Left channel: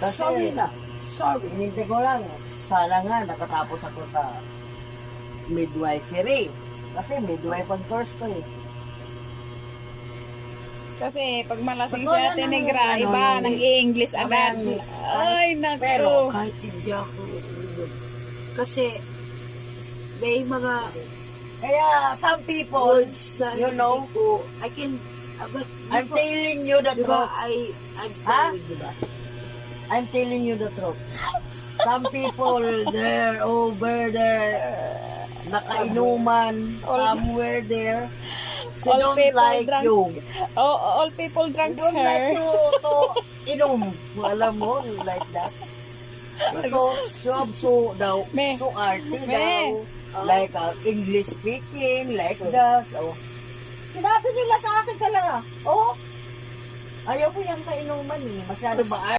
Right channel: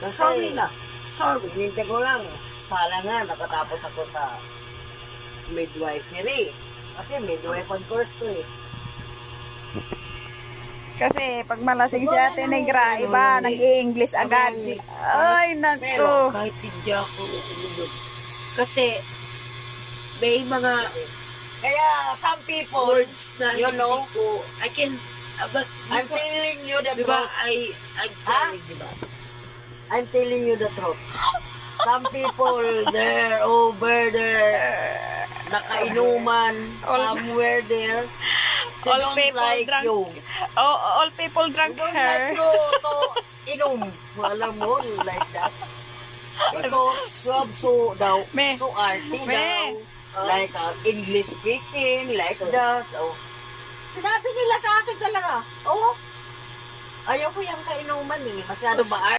Sorry na. Sorry. Hindi ko lang, sana nga nakatapos ako sa midwifery. Kasi midwife course to eh. Kasi pag malasing si Ate Negra, iba, nag-i-English agad. Ay, Pero naku. kahit hindi ako kasi may mga Kaya some people, words na you hindi know, ko, I can, but I'm telling you the diba, truth. I'm Ha? telling, diba? I'm telling you the truth. Some people there, over there, nakainuman, somewhere there. She All don't people like drunk. you. Oh, all people drunk Don't like her. you to inom. Alam mo, like that. Because you have so daw, Me. so arty Me. daw. Like English speaking, like that. Oh. Sinabi nila sa akin talaga, oh, ayaw ko yung kainuman eh. Masyado ba